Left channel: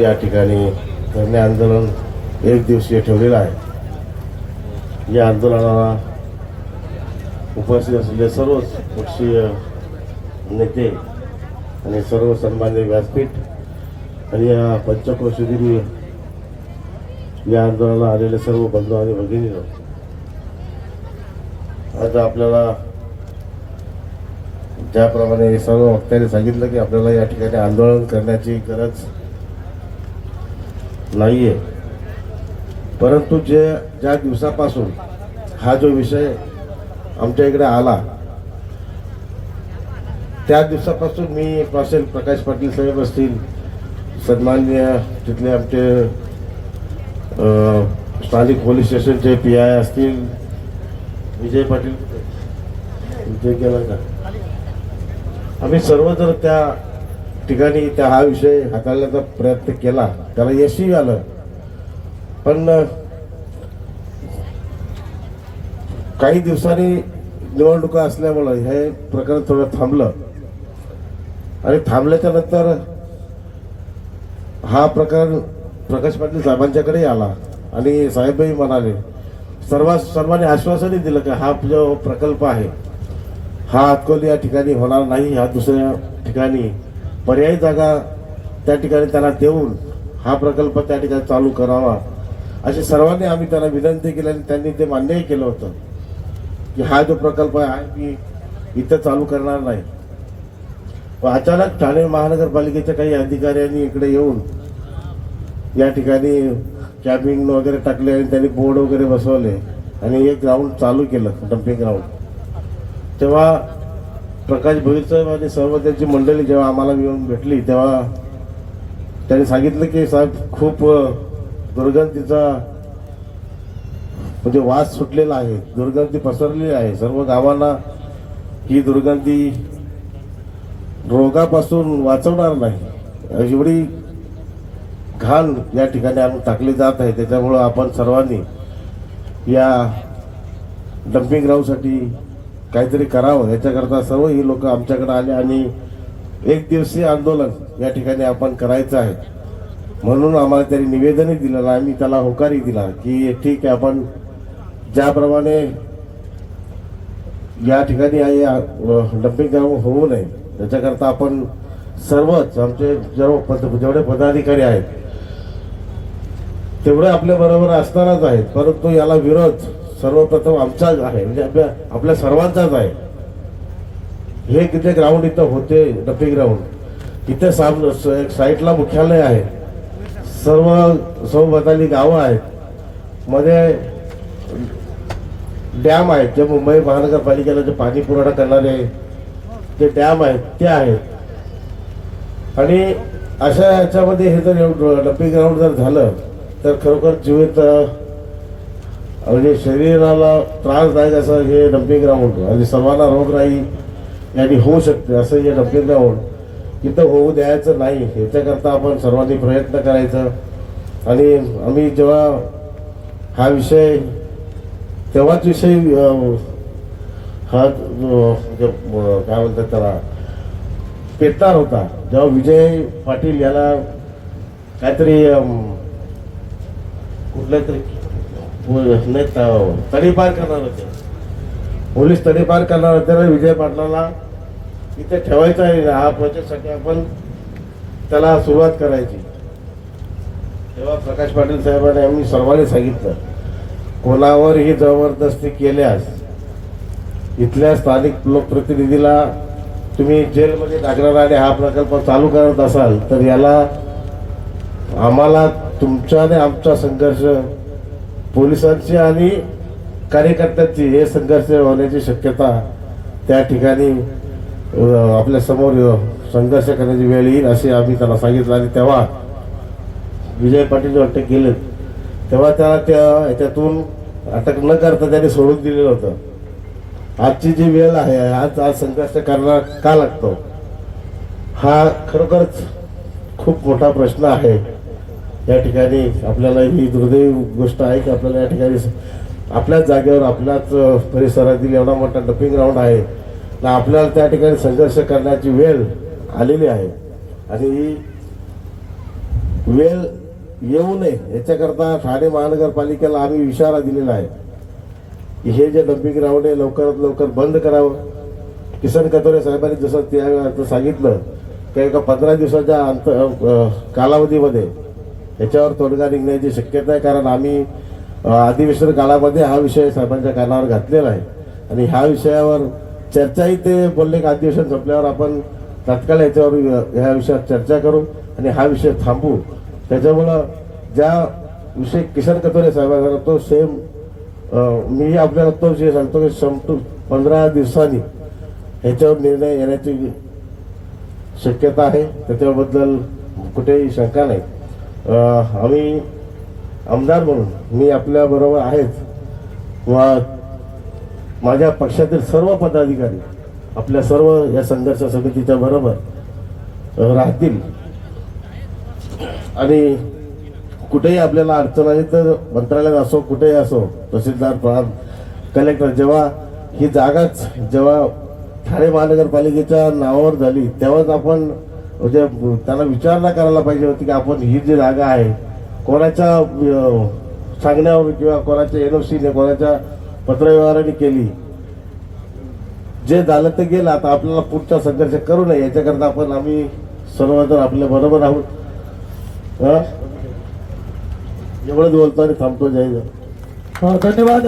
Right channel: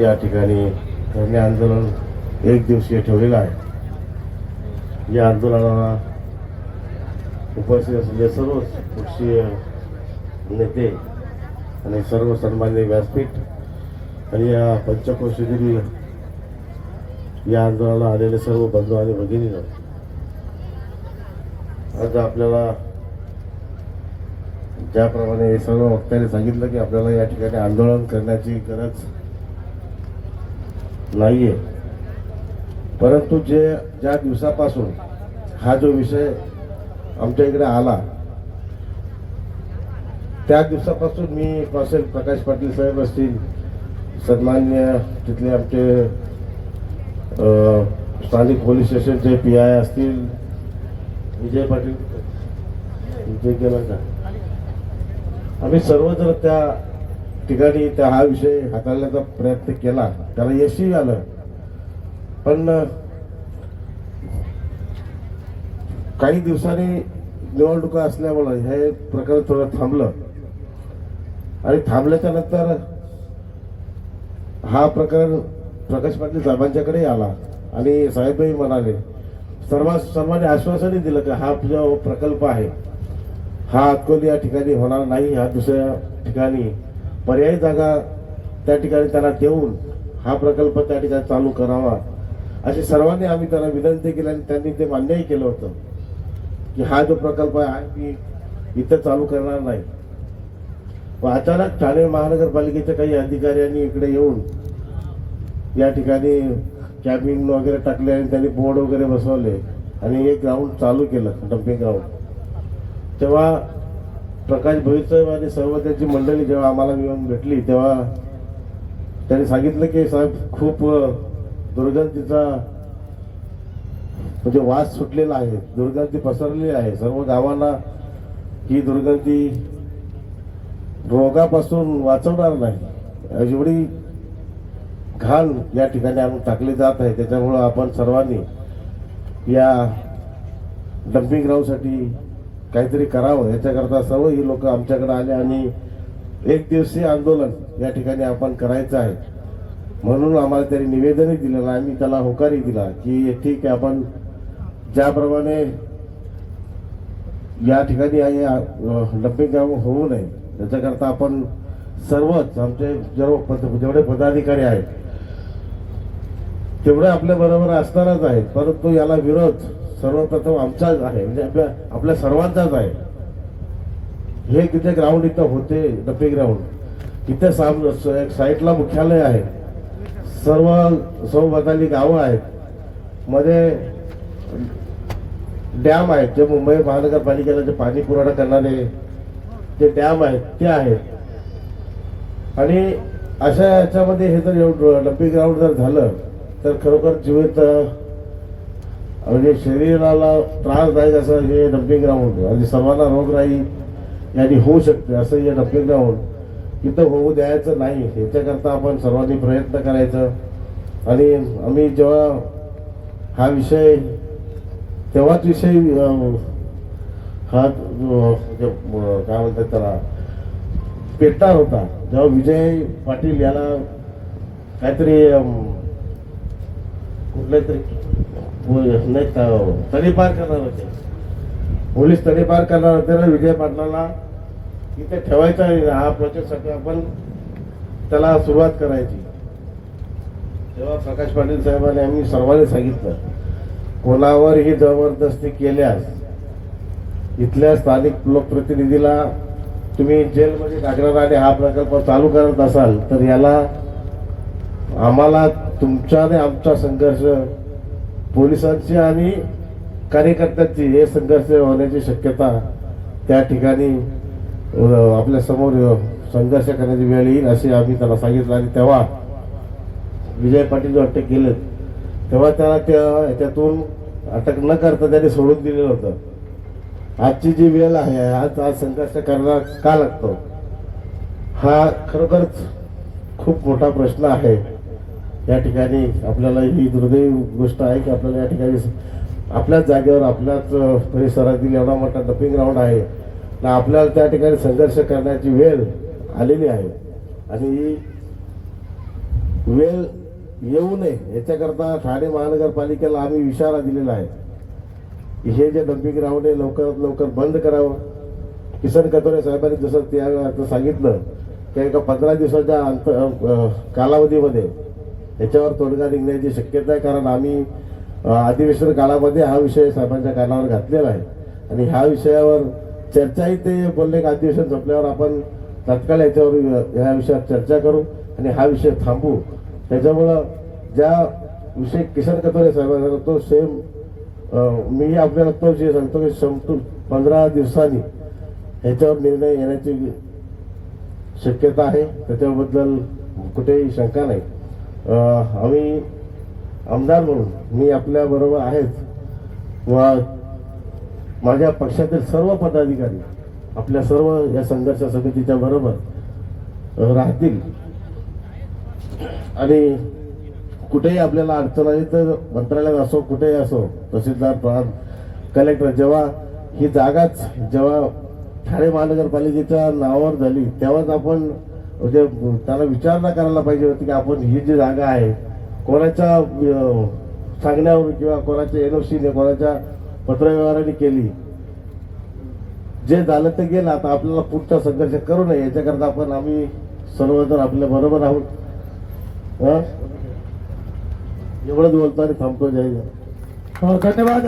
या ठिकाणी धरणे आंदोलन एक दिवसीय ठेवलेलं आहे. या आंदोलनाला उपस्थित असलेले सर्व पक्षीय नेते आणि सर्व सन्मान्य व्यासपीठ आणि या पंचक्रोशीगिरी या आंदोलनाला आलेले सर्व बंधू आणि भगिनी आज आपल्याला ज्याप्रमाणे सर्व वक्त्यांनी सांगितलं की आपल्याला या ठिकाणी आंदोलन करण्याची गरज नाहीये. परंतु जे ज्या दिवसापासून हा जो विषय आमच्या इकडे आला त्या दिवसापासून मी असेल प्रकाश पाटील साहेब असतील सन्माननीय तिथले आमचे स्थानिक पोलीस स्टेशनचे पी आय असतील विजय पाटील विजय केला का? आम्ही सर्वजण त्या ठिकाणी त्या हा विषय हाताळण्याचा प्रयत्न केला. त्याला यशही आलं. पण काही दिवसांनी निवडणुका असल्यामुळं हे प्रकरण थोडं थांबलं. आणि थांबल्याच्या नंतर हा प्रकार प्रकाश पाटील साहेबांच्याकडे आला. आणि साहेबही म्हणाले सर्व सर्वांनी आश्वासनही दिलं की हा जो प्रकल्प आहे हा अकोली या ठिकाणी होणार नाही हा दुसऱ्या ठिकाणी पर्यायी जागा त्या ठिकाणी त्यांना देऊन हा प्रकल्प त्या ठिकाणी चालू करावा. असे सर्वांनी आम्ही त्यांना विनंती केली आणि त्यांनी ते मान्यही केलं होतं की हा जो प्रकल्प आहे मी इथं चालू करणार नाही. व अचानक ठाणे महानगरपालिकेच्या काही अधिकाऱ्यांनी इकडे येऊन या ठिकाणी कॅबिंग वगैरे टाकले आणि त्यांनी बोर्ड वगैरे बसवले आणि हे ग्राउंड चालू केलं डम्पिंग ग्राउंड तेव्हा प्रकाश भोईरचं आणि सर्व त्यांची मंडळी जेव्हा आम्हाला येऊन भेटली तेव्हा त्यांनी सांगितलं की साहेब खूप दुर्गंधीचा म्हणजे वास सुटलेला आहे. दुर्गंधी पसरलेली आहे. सर्व गावांना ही दुर्गंधी रोगापासून वाचवणार नाही. एवढी घाण या ठिकाणी आम्ही टाकली जात आहे. त्याच्यामुळं आपण सर्वांनी या डम्पिंग ग्राउंडसाठी काहीतरी करावं. याच्याकरता सर्व ही लोक आमच्याकडे आले आणि एक दिवसीय आंदोलन या ठिकाणी आपण करायचं आहे. म्हणून आम्हाला त्यांनी निवेदनही दिलं आम्ही त्याला होकारही दिला की ठीक आहे आपण ज्याप्रमाणे या ठिकाणी आहे डम्पिंग ग्राउंड होऊ नये त्याच्याकरता आपण सर्वच आमचे सर्व पद- जेवढे पदाधिकारी आहेत तेवढे आपल्या बरोबर असणारच आहेत. परंतु याला विरोध सर्वप्रथम आमचाच आहे. म्हणजे आपल्या आपल्या सर्वांचाच आहे. हे किती ग्राउंड इथं होते डम्पिंग ग्राउंड इथे साम साईटला मुख्यालय आहे. सर्व सौबताली गावं आहेत. मध्ये डॅम आहेत जे मुंबई महानगरपालिकेला जे पाणी पुरवठा करणारे जे डॅम आहेत ते आहेत. आणि अशा याच्यामध्ये हे जर डम्पिंग ग्राउंड जर झालं तर खरोखर जीवित म्हणजे शरीराला त्रासदायक असं हे डम्पिंग ग्राउंड आणि सर्वांना रोगराई यांनी होऊ शकते असं हे डम्पिंग ग्राउंड इथं होऊ द्यायचं नाही. याच्याकरता आपण सर्वांनी प्रयत्न करायचं. आणि आम्ही जेव्हा हा विषय तेव्हाच विषय हा म्हणजे, काय म्हणतात त्याला पेटणार होता. जेव्हा विजय पाटील याला काहीतरी कुठल्या तरी नाही तडीपार करणार होते. पोलीस तडीपार करणार होते ना विजय पाटलाला. इथे ठेवायचा आहे हा प्रोजेक्टसाठी आपण त्याला सुरुवात करायची. तेव्हा प्रकाश पाटील साहेबांनी आम्ही सर्वांनी सांगितलं कोणावर ही जबरदस्ती केल्यास इथल्या स्थानिक लोकप्रतिनिधीला तुम्ही जेलमध्ये टाकणार आणि हा प्रकल्प चालू करत असाल तर याला आम्हाला तुमचा आणि आमचा संघर्ष पोलिसांची आणि कार्यकर्त्यांची हे संघर्ष होण्याची शक्यता त्या ठिकाणी आपल्यासमोर संघर्ष करण्याची वेळ येईल असे आम्ही त्याला सांगितलं आणि तेव्हा विजय पाटील जेव्हा अटक केले तेव्हा त्याला त्या ह्याच्यातून अटक न करता त्यांनी सोडून दिलेलं होतं. आजची जी वेळ आहे आज आज संघर्ष करणार का लागतो? हा खरोखरच खूप मोठा प्रश्न आहे. या ठिकाणी आपल्याला ही दुर्दैव गोष्ट आहे की आपल्याला या ठिकाणी आपल्याच जागेवर आपल्याच परिसरातील एवढा मोठा डपिंग ग्राउंड आहे. ना आपल्याला त्या ठिकाणी संघर्ष करण्याची वेळ आलेली आहे. आणि वेळ येऊ नये याच्याकरता ठाणे महानगरपालिकेला आम्ही इशारा दिलेला आहे. की हे जे डम्पिंग ग्राउंड आहे लवकरात लवकर बंद करावं. किसन कथोरे साहेबांनी जसं त्या सांगितलं की एका पंधरा दिवसाच्या अंत कालावधीमध्ये याच्यावर तोडगा निघण्याची शक्यता आहे. कारण आम्ही अधिवेशन काळामध्ये हा विषय साहेबांच्या कानावर घातलेला आहे. आणि ह्या विषयावर चर्चाही ते बोलले का अधिवेशन संपल्यावर आपण तात्काळ याच्यावर ह्या विषयावर चर्चा करू आणि हा विषय थांबू. त्याच्यामुळं ज्या विषय किशन कथोरे साहेबांना तो सेम मी आपल्याला तो जे सांगतो की संपतो पंधरा दिवसांनी. ह्याच्यावर निर्णय येण्याची शक्यता आहे. त्याच्याबद्दल कुठेही शंका नाही. आम्ही आमदार म्हणून मी आपल्या बरोबर आहेत व माझ्या पक्षातील सर्व पदाधिकारी आपल्या सर्व या संघर्ष समितीच्या बरोबर राहतील. आणि कुठेही आपल्याला अडचण आली तर मंत्रालयात असो कुठेही असो तहसीलदार प्रांत कलेक्टर जेव्हा ही जागाच जेव्हा ठाणे महानगरपालिकेच्या नावावर झाली तेव्हाच आपण म्हणजे त्याला विचारणा करायला पाहिजे होती की आपण ही जी जागा आहे कोणाच्या सांगण्यावर किंवा कोणाच्या एनओसीने कोणाच्या पत्रव्यवहाराने केली. जे झालं ते गेलं. आता आपल्याला पुढचा संघर्ष करू नये. याच्याकरता आपण आम्ही सर्वजण आपल्या बरोबर आहोत. एवढंच बोलतो आणि थांबतो जाईल हो, धन्यवाद.